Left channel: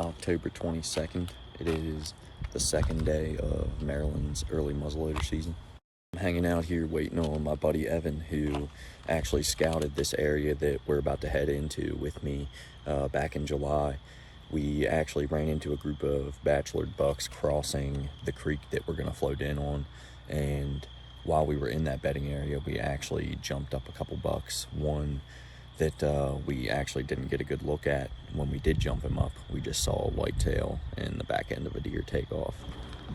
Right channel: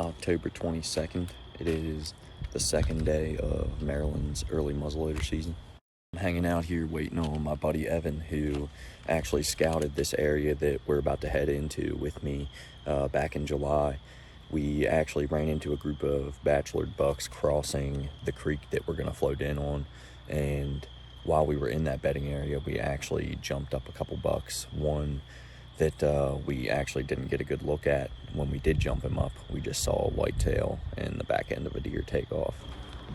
October 22nd. It is the second day of Maryland's early muzzleloader season. I'm hanging out here waiting on my buddy Evan, who actually scouted this area that we're about to head into with me back in July. We actually ran into a group of bachelor bucks crossing the creek that we're going to float in on, and while we were in that bedding area, we actually jumped up a couple bucks. One that we actually didn't get a good look at when we did jump him up. We just saw a whitetail and the back end of a deer take off.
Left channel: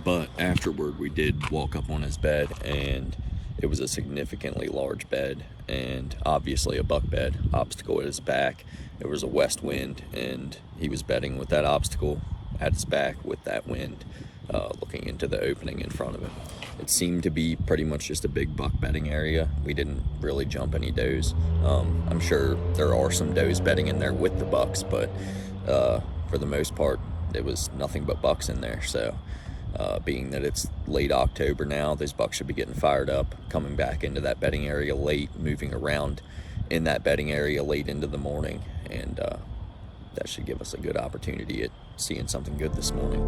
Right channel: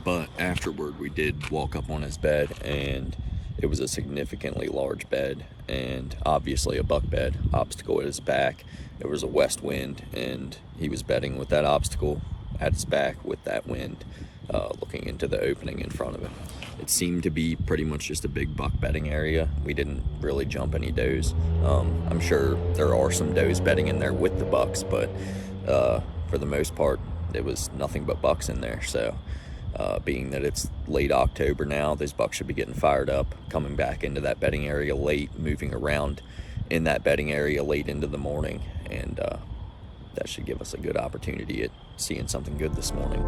But afterward, we did walk up on his bed, and it was a significantly large bed and obviously a buck bed, obstacle at his back. There was a west wind, and he was bedding with that obstacle at his back with that wind looking into the opening in front of him. It seemed to be pretty much just a big buck bedding area. We didn't really jump any does. I'm sure there are some does bedding in there with the bucks, but for the most part, it was nothing but bucks in there. So being that it's late October now, those bucks should be getting fired up, coming back into that bedding area late, moving around in that bedding area late into the morning, and that should give us a good opportunity at seeing something good this morning.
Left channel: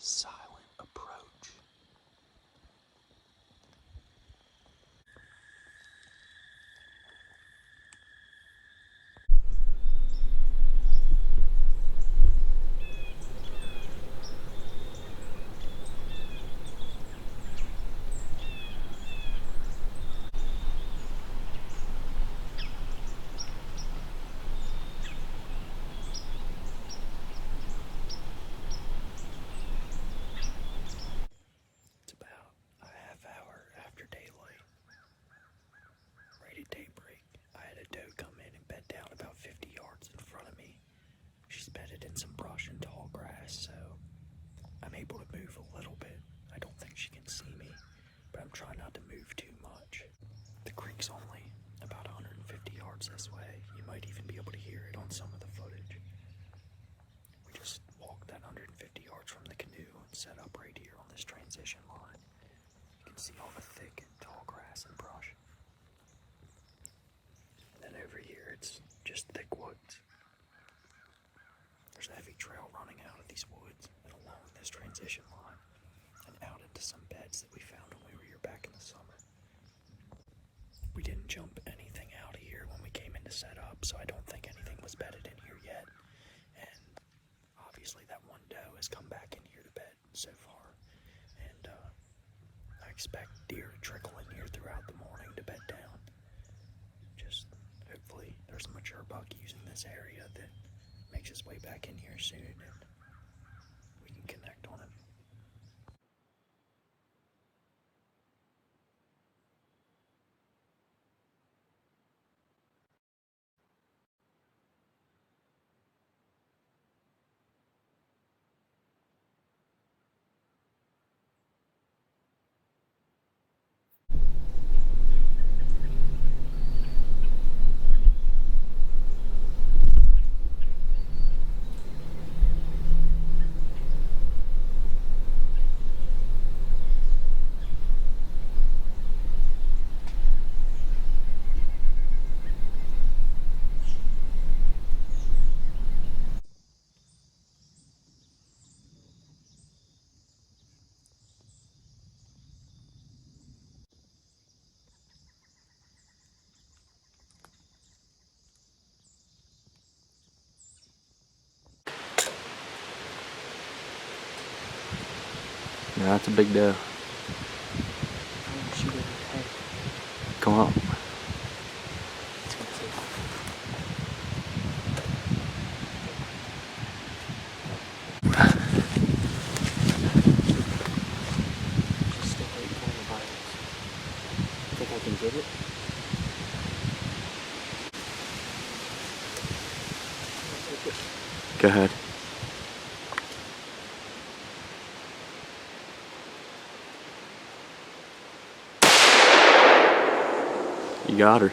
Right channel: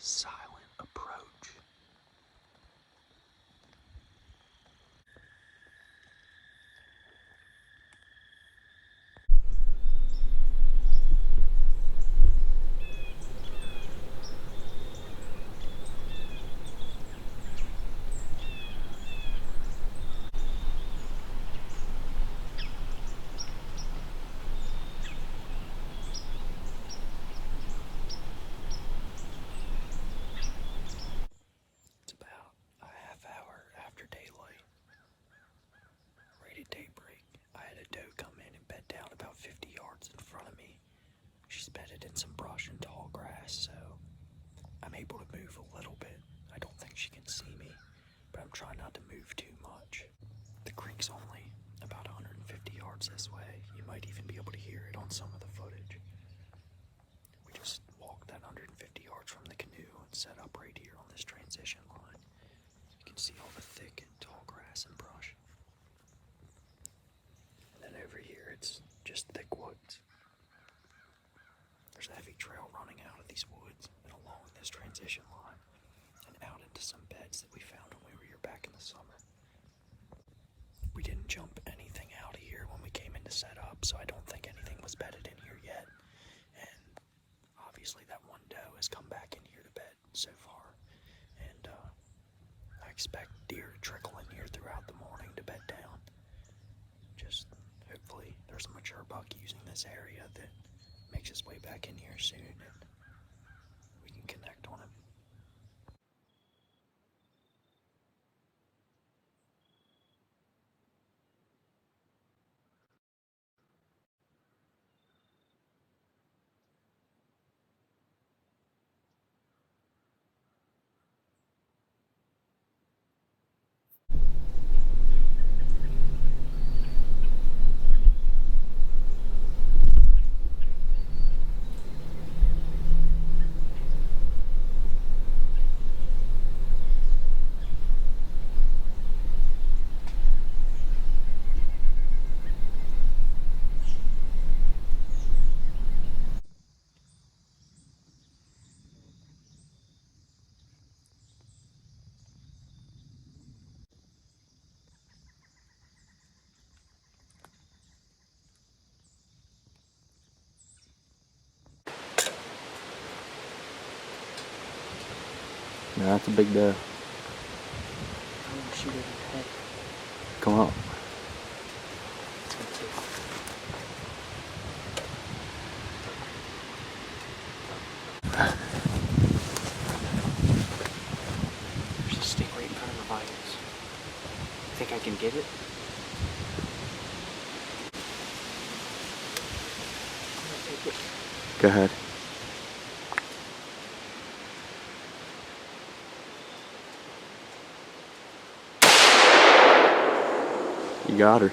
Silent approach. Bedded in some brush and tall grass, so I'm able to move a little bit. I don't think she can see me, but I'm trying not to move too much. The creek's only about 150 yards this way. You might even be able to hear it on some of the footage. We just walked that 150 yards from the canoe and set up right here on this transition line. You can see all the thick and tall grass and brush. And then over here, it's just thick woods. There's a heavy trail running out of these woods and along this transition line and out into some beds that we found when we were here back in the summer. We didn't jump anything out of here when we came in to set up, so I don't think anything was bedded in here yet. And obviously that one doe has come back in here to bed so far. And I expect deer to trickle in here throughout the morning to bed down. Just hopefully there's a mature buck using this area that makes his way back in here soon, and we can connect on him. No, that's a big doe. I want to shoot it in the head. Come on. It's gonna take off. There's a stick right in front of the violets. Think I can get it? Go ahead. You got her. Are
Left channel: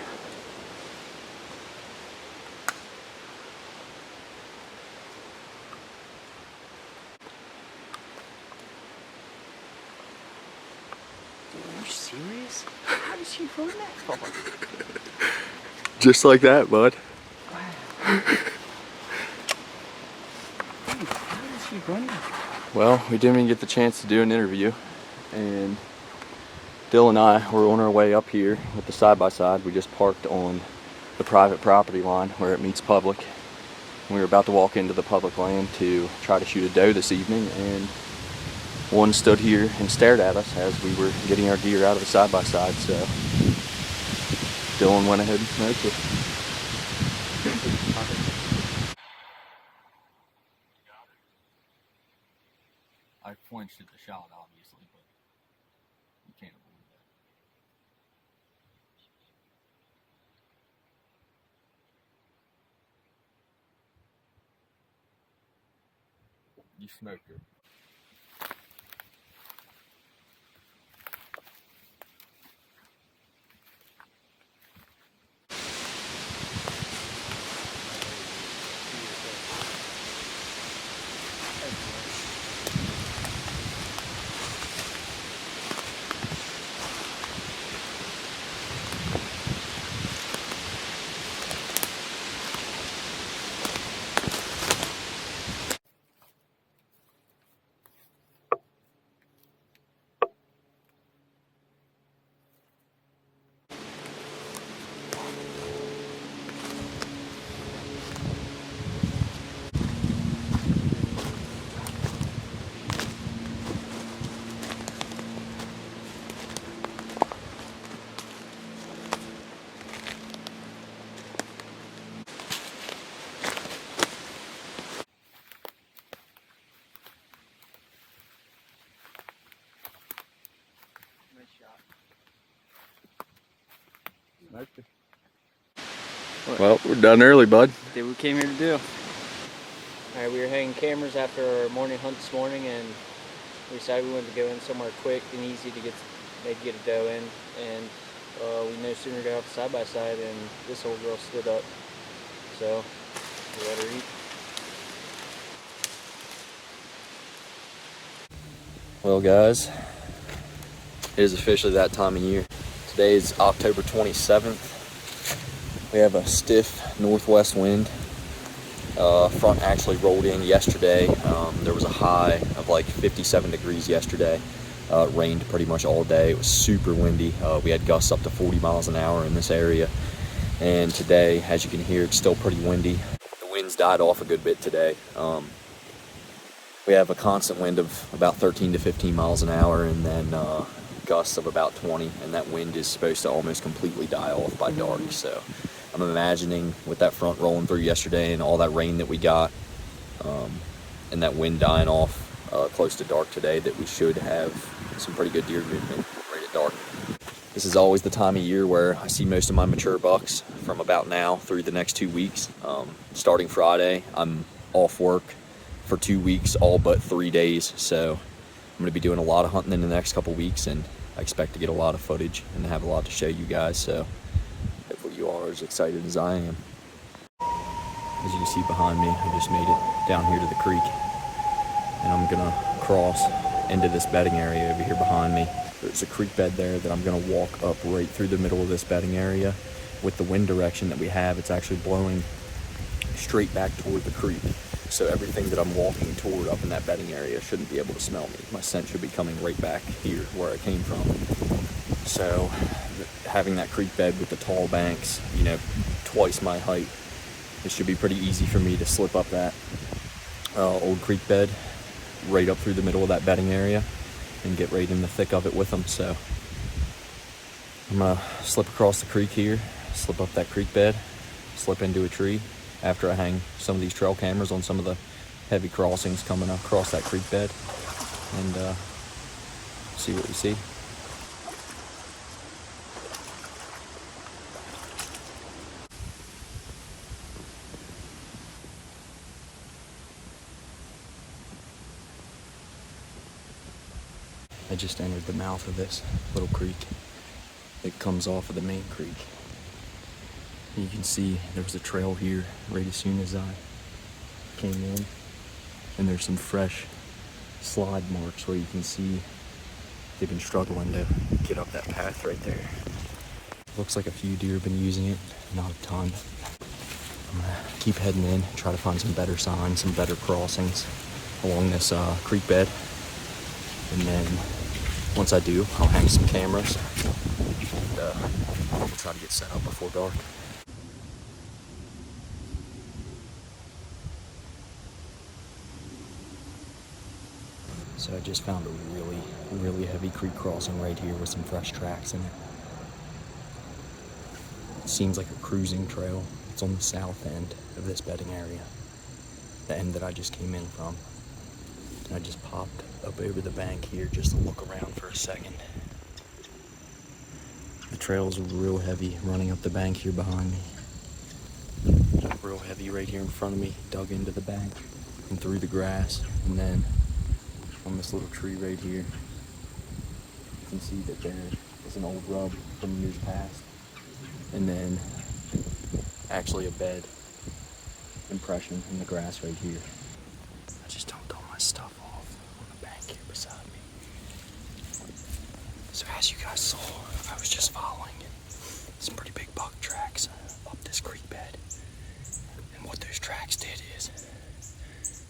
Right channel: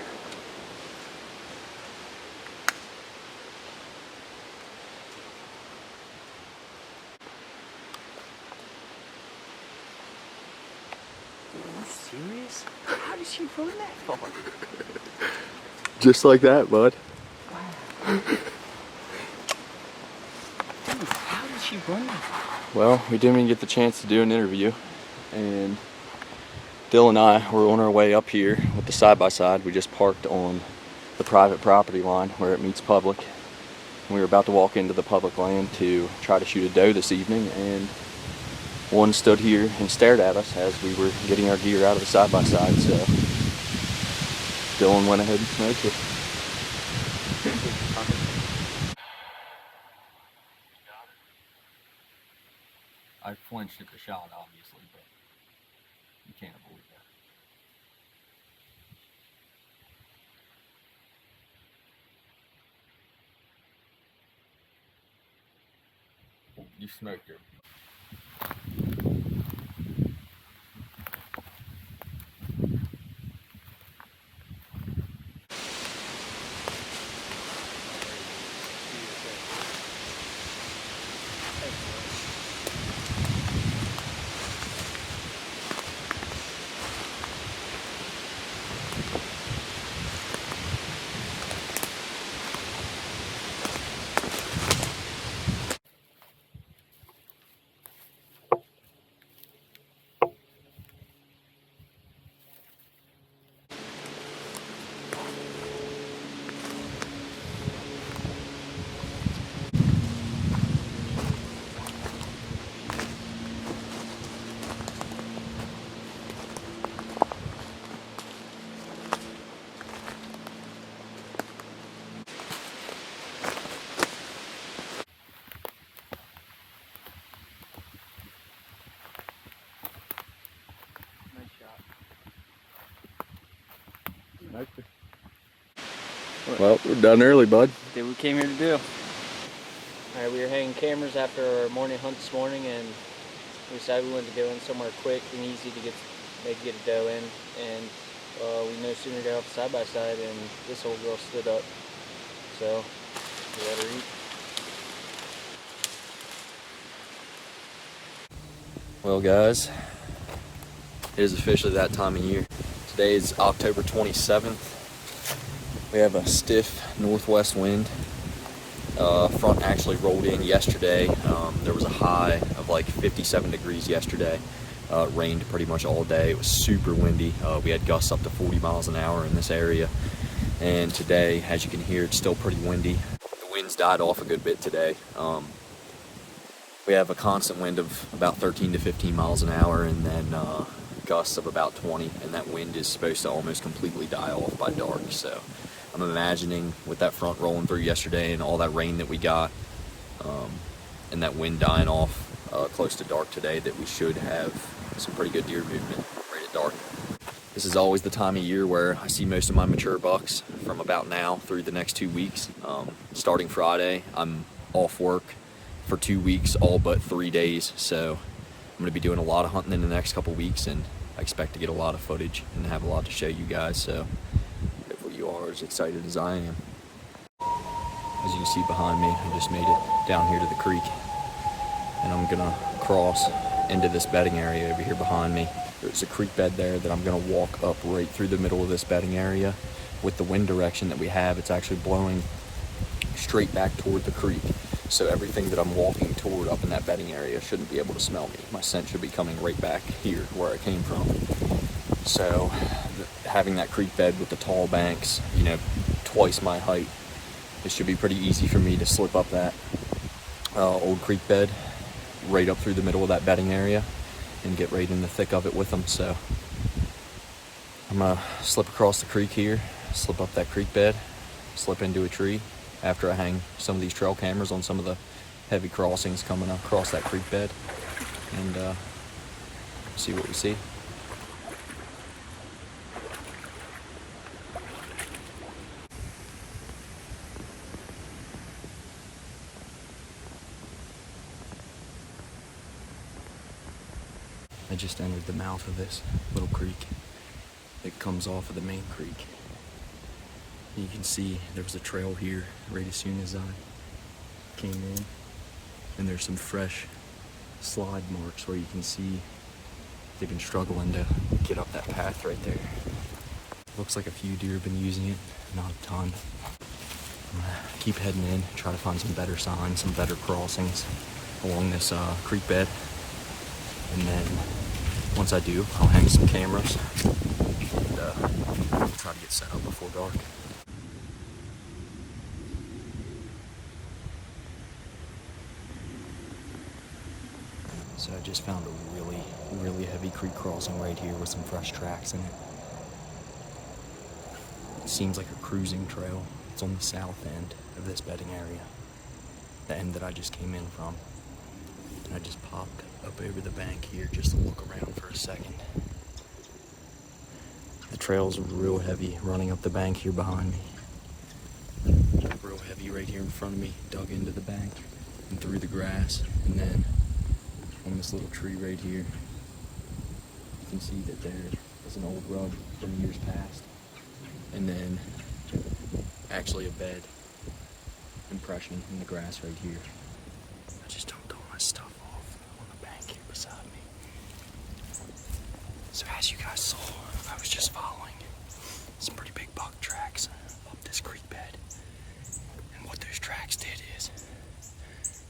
you serious? How did she run that far? Just like that, bud. Wow. Dude, how did she run that far? Well, we didn't even get the chance to do an interview, and Dill and I were on our way up here with the side-by-side. We just parked on the private property line where it meets public. We were about to walk into the public land to try to shoot a doe this evening, and one stood here and stared at us as we were getting our gear out of the side-by-side, so Dylan went ahead and smoked it. I flinched at the shot, obviously, but you can't avoid that. You smoked her. Well, we're done early, bud. Did what we came here to do. Alright, we were hanging cameras after our morning hunt this morning, and we decided we wanted to go in somewhere quick and easy to maybe get a doe in, and we no sooner got off the side-by-side and this old girl stood up, so we let her eat. Well, guys, it is officially that time of year. Today is October 27th. We have a stiff northwest wind. Front actually rolled in yesterday. There was a high of like 57 degrees yesterday. It rained pretty much all day. It was super windy. We had gusts up to 40 miles an hour in this area. And today, as you can hear, it's still pretty windy. The winds died off a good bit today. We have a constant wind of about 13 to 15 miles an hour, and then gusts of about 20, and that wind is supposed to almost completely die off by dark. So I'm imagining with that front rolling through yesterday and all that rain that we got, and that wind dying off close to dark today, that we should have some pretty good deer movement right at dark. This is always the time of year where I see most of my mature bucks from about now through the next 2 weeks. Starting Friday, I'm off work for 2 weeks, all but 3 days. So I'm gonna be doing a lot of hunting in the next couple weeks, and I expect to get a lot of footage and have a lot to show you guys. So hopefully you all are as excited as I am. As you can see behind me, I just made it down here to the creek, and I'm gonna cross into this bedding area over here behind me. There's a creek bed there that I'm gonna walk up right through the middle of this bedding area. With the wind direction that we have, it's actually blowing straight back toward the creek. So everything that I'm walking toward up in that bedding area shouldn't be able to smell me. My scent should be coming right back here where I came from. So having that creek bed with the tall banks, you know, twice my height, it should be pretty easy for me to slip up that old creek bed right up through the middle of that bedding area and get right in the thick of it with them. So I'm gonna slip across the creek here, slip up that creek bed, slip into a tree after I hang some of these trail cameras on some of the heavy crossings coming across that creek bed, and see what we see. I just entered the mouth of this little creek. It comes off of the main creek. You can see there was a trail here right as soon as I came in, and there's some fresh slide marks where you can see they've been struggling to get up that path right there. Looks like a few deer have been using it, not a ton. I'm gonna keep heading in, try to find some better signs, some better crossings along this creek bed. And then once I do, I'll hang some cameras and try to get set up before dark. So I just found a really, really heavy creek crossing right here with some fresh tracks in it. It seems like a cruising trail. It's on the south end of this bedding area, the end that I just came in from. I just popped up over the bank here just to look around for a second. The trail's real heavy running up the bank here behind me. Real heavy right here in front of me, dug into the bank and through the grass. And then on this little tree right here, you can see that there is an old rub from years past. And then actually a bed impression in the grass right here. I just dumped all my stuff off on the bank here beside me. So as you guys saw, I was just following some pretty big buck tracks up this creek bed. And what those tracks did is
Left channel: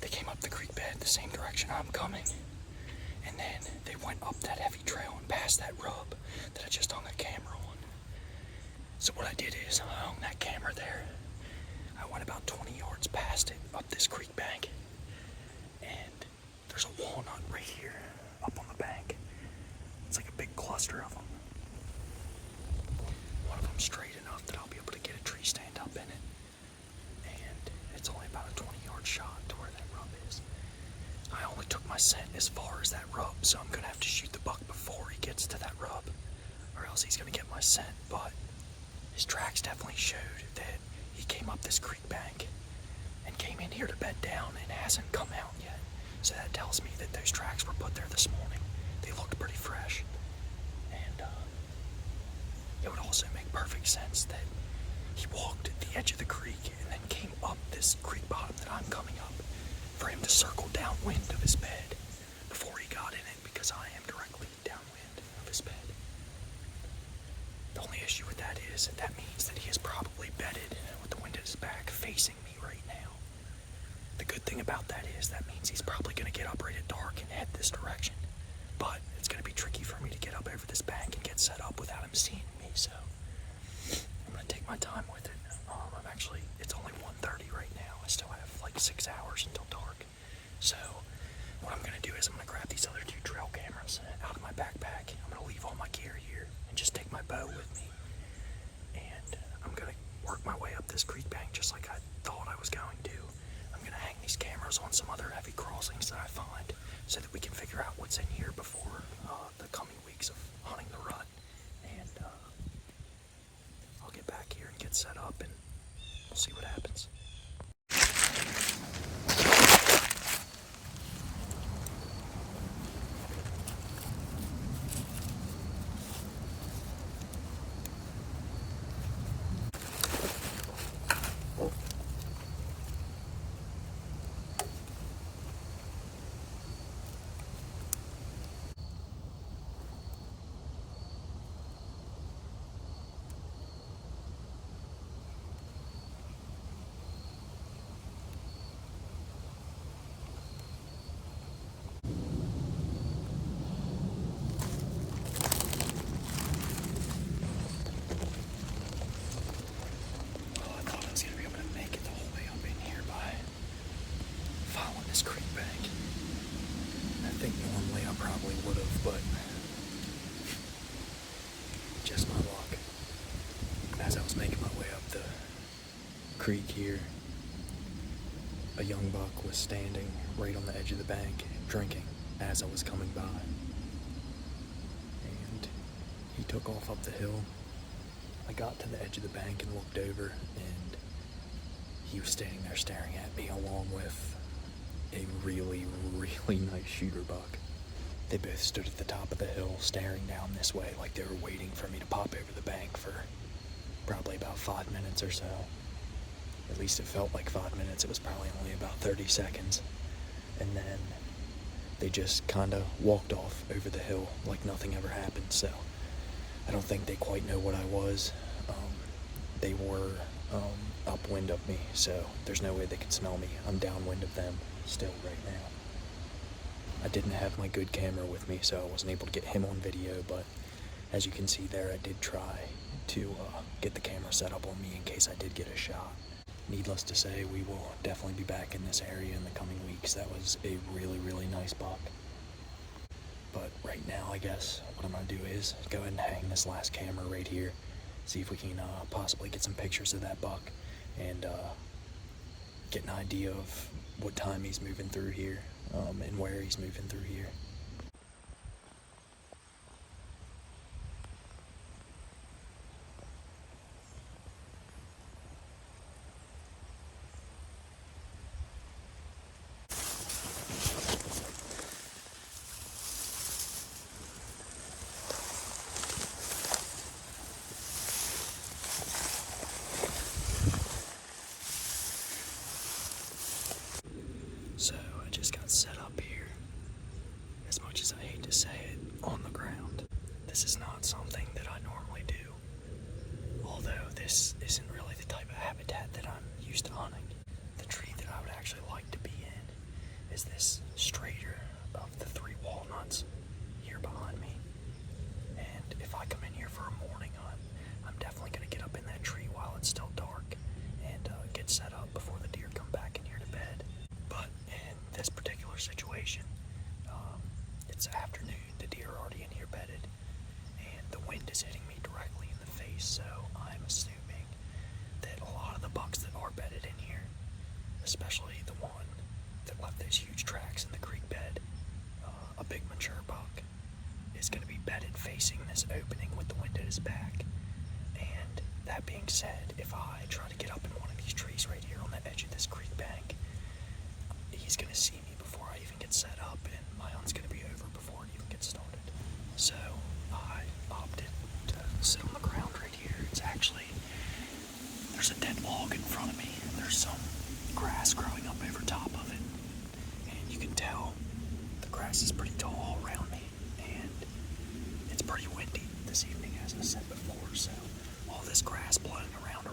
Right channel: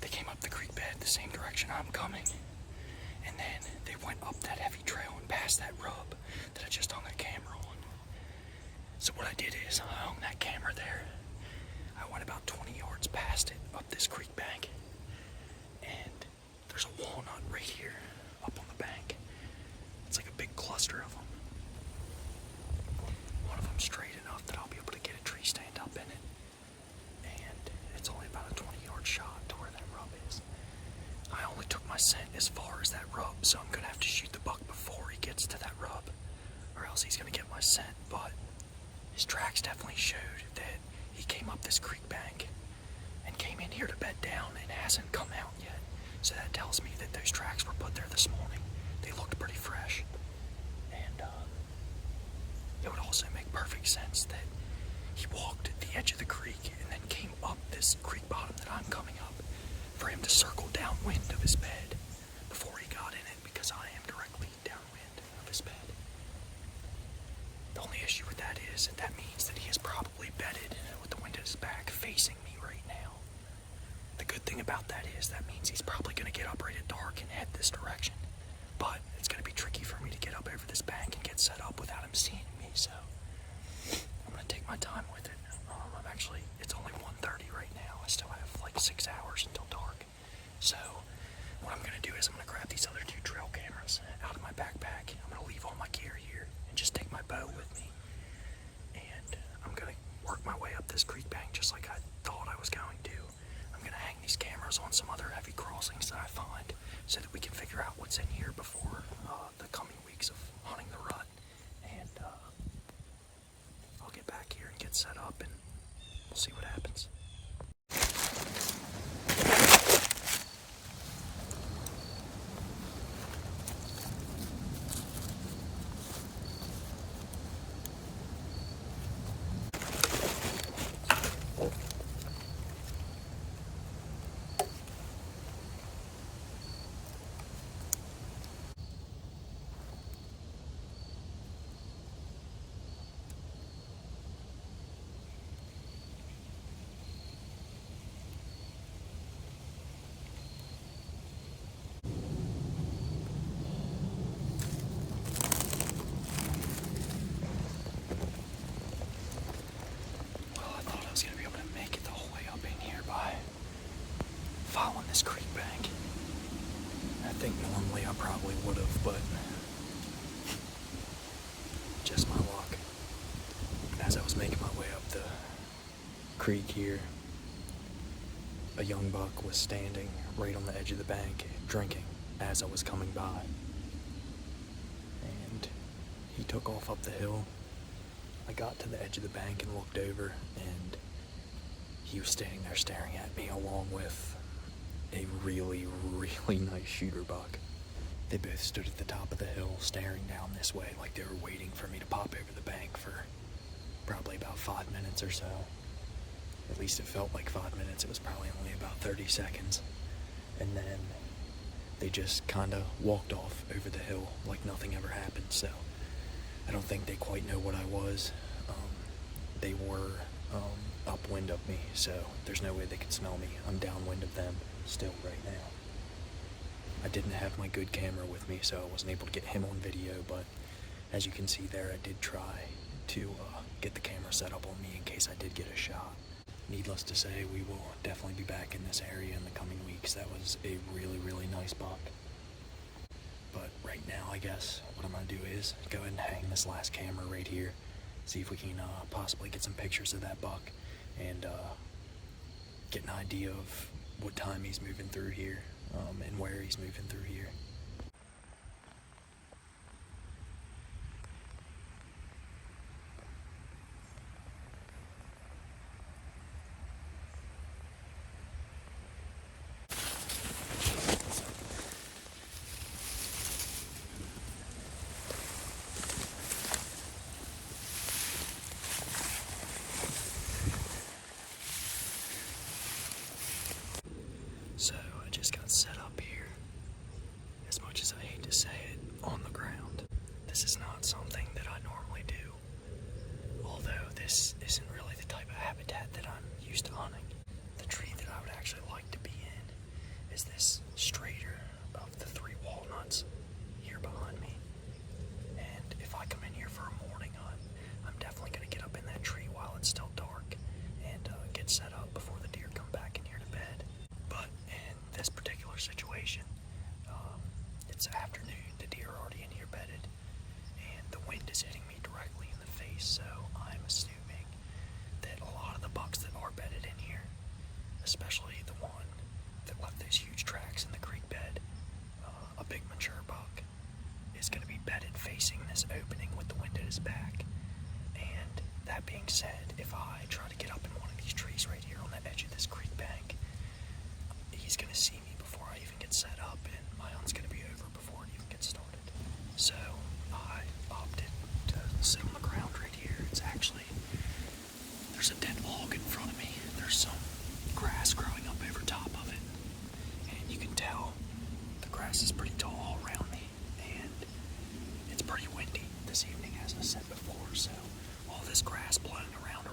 they came up the creek bed the same direction I'm coming. And then they went up that heavy trail and past that rub that I just hung a camera on. So what I did is I hung that camera there. I went about 20 yards past it up this creek bank. And there's a walnut right here up on the bank. It's like a big cluster of them. One of them straight enough that I'll be able to get a tree stand up in it. And it's only about a 20-yard shot to where that rub is. I only took my scent as far as that rub, so I'm gonna have to shoot the buck before he gets to that rub, or else he's gonna get my scent. But his tracks definitely showed that he came up this creek bank and came in here to bed down and hasn't come out yet. So that tells me that those tracks were put there this morning. They looked pretty fresh. And it would also make perfect sense that he walked the edge of the creek and then came up this creek bottom that I'm coming up for him to circle downwind of his bed before he got in it, because I am directly downwind of his bed. The only issue with that is that means that he is probably bedded with the wind at his back facing me right now. The good thing about that is that means he's probably going to get up right at dark and head this direction. But it's going to be tricky for me to get up over this bank and get set up without him seeing me, so I'm going to take my time with it. It's only 1:30 right now. I still have like 6 hours until dark. So what I'm going to do is I'm going to grab these other 2 trail cameras out of my backpack. I'm going to leave all my gear here and just take my bow with me. And I'm going to work my way up this creek bank just like I thought I was going to. I'm going to hang these cameras on some other heavy crossings that I find so that we can figure out what's in here before the coming weeks of hunting the rut. And I'll get back here and get set up and we'll see what happens. Following this creek bank. That think normally I probably would have, but just my luck. As I was making my way up the creek here, a young buck was standing right on the edge of the bank drinking as I was coming by. And he took off up the hill. I got to the edge of the bank and looked over, and he was standing there staring at me along with a really, really nice shooter buck. They both stood at the top of the hill staring down this way like they were waiting for me to pop over the bank for probably about 5 minutes or so. At least it felt like 5 minutes. It was probably only about 30 seconds. And then they just kind of walked off over the hill like nothing ever happened. So I don't think they quite know what I was. They were upwind of me, so there's no way they could smell me. I'm downwind of them still right now. I didn't have my good camera with me, so I wasn't able to get him on video, but as you can see there, I did try to get the camera set up on me in case I did get a shot. Needless to say, we will definitely be back in this area in the coming weeks. That was a really, really nice buck. But right now, I guess what I'm gonna do is go ahead and hang this last camera right here, see if we can possibly get some pictures of that buck and get an idea of what time he's moving through here and where he's moving through here. So I just got set up here, as much as I hate to say it, on the ground. This is not something that I normally do, although this isn't really the type of habitat that I'm used to hunting. The tree that I would actually like to be in is this straighter of the 3 walnuts here behind me. And if I come in here for a morning hunt, I'm definitely going to get up in that tree while it's still dark and get set up before the deer come back in here to bed. But in this particular situation, it's afternoon, the deer are already in here bedded, and the wind is hitting me directly in the face, so I'm assuming that a lot of the bucks that are bedded in here, especially the one that left those huge tracks in the creek bed, a big mature buck, is going to be bedded facing this opening with the wind at his back. And that being said, if I try to get up in one of these trees right here on the edge of this creek bank, he's going to see me before I even get set up, and my hunt's going to be over before it even gets started. So I opted to sit on the ground right here. It's actually, there's a dead log in front of me. There's some grass growing up over top of it, and you can tell the grass is pretty tall all around me, and it's pretty windy this evening, as I said before. So all this grass blowing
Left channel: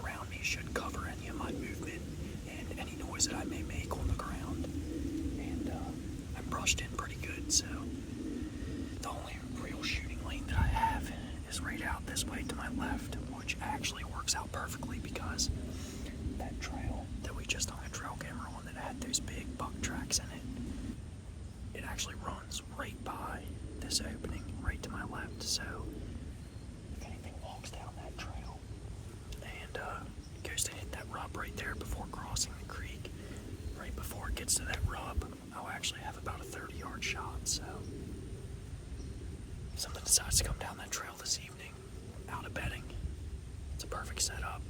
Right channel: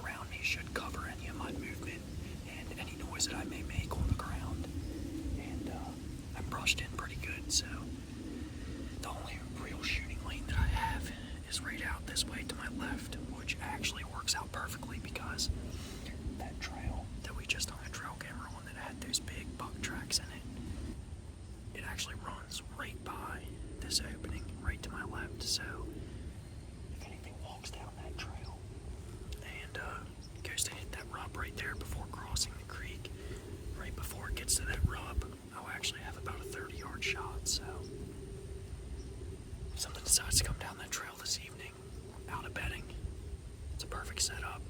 around me should cover any of my movement and any noise that I may make on the ground. And I'm brushed in pretty good, so the only real shooting lane that I have is right out this way to my left, which actually works out perfectly because that trail that we just hung a trail camera on that had those big buck tracks in it actually runs right by this opening right to my left. So if anything walks down that trail and goes to hit that rub right there before crossing the creek, right before it gets to that rub, I'll actually have about a 30-yard shot. So if something decides to come down that trail this evening out of bedding, it's a perfect setup.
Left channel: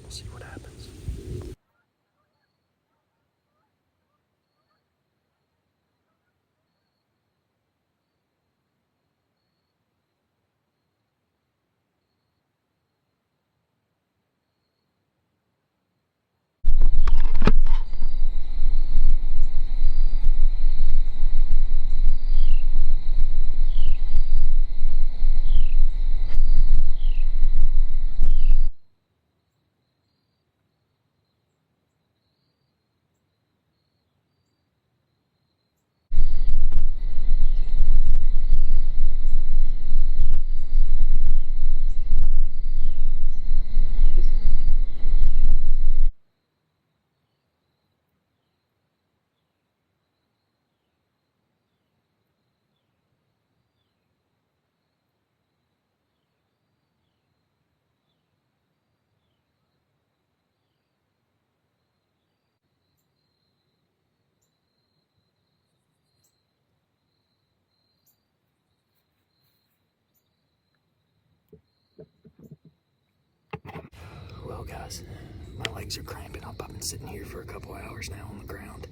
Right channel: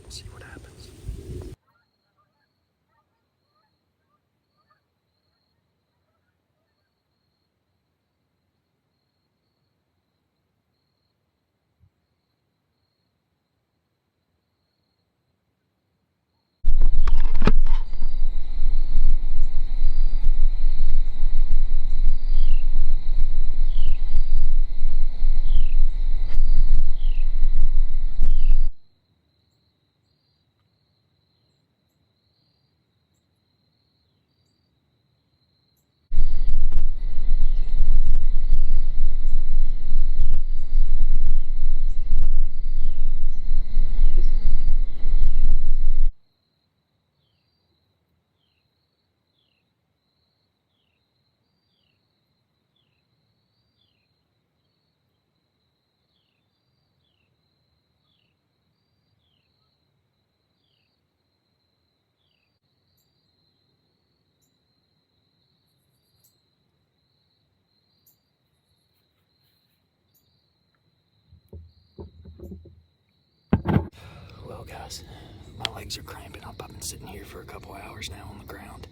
We'll see what happens. Well, guys, my legs are cramping up. I've been sitting here for a couple hours now on the ground.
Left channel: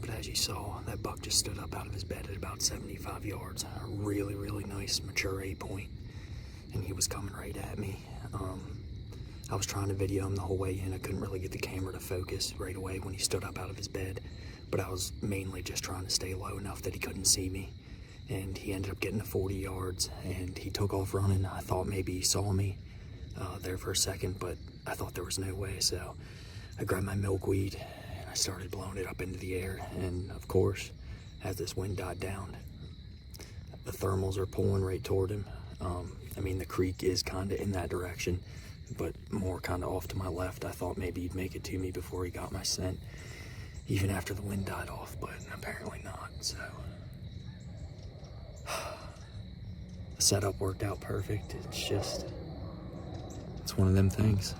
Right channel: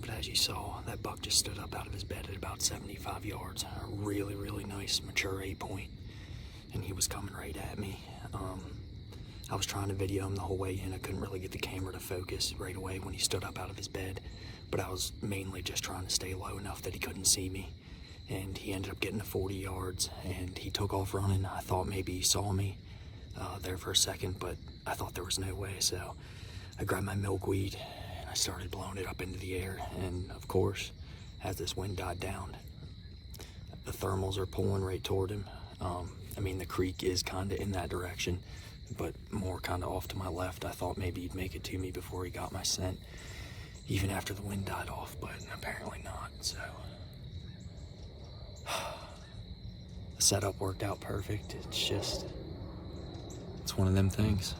But as you saw, that buck just stood up out of his bed at about 75 yards. A really, really nice, mature 8-point. And he was coming right at me. I was trying to video him the whole way in. I couldn't really get the camera to focus right away when he stood up out of his bed. But I was mainly just trying to stay low enough that he couldn't see me. And he ended up getting to 40 yards, and he took off running. I thought maybe he saw me there for a second, but I thought there was no way. So I grabbed my milkweed, and I started blowing it up into the air. And of course, as this wind died down, the thermals are pulling right toward him. I mean, the creek is kind of in that direction, but more kind of off to my left. I thought maybe he'd make it to me before he got my scent, even after the wind died off, but apparently not. So the setup worked out perfect. It's one of them things.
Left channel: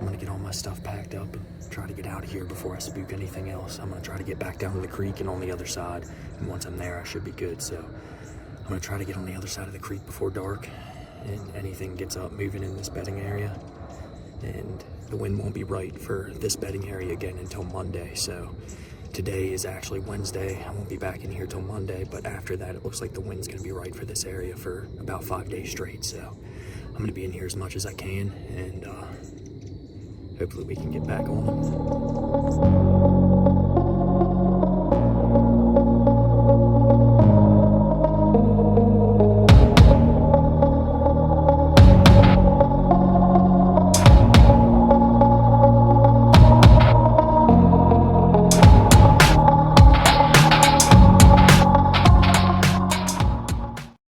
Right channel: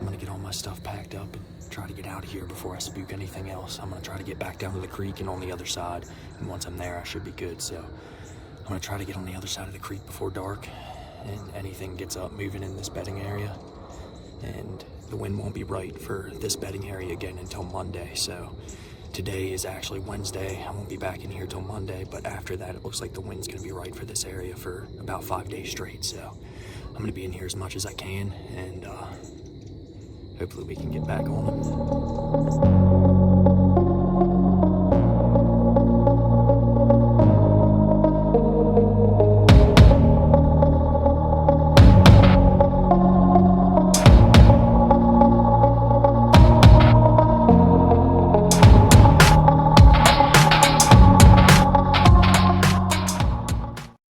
I'm gonna get all my stuff packed up and try to get out of here before I spook anything else. I'm gonna try to get back down to the creek and on the other side, and once I'm there I should be good. So I'm gonna try to get on the other side of the creek before dark, and anything gets up moving in this bedding area. And the wind won't be right for this bedding area again until Monday. So today is actually Wednesday. I won't be back in here till Monday, but after that it looks like the wind's gonna be right for this area for about 5 days straight. So I'm gonna be in here as much as I can, and hopefully we can get back on it.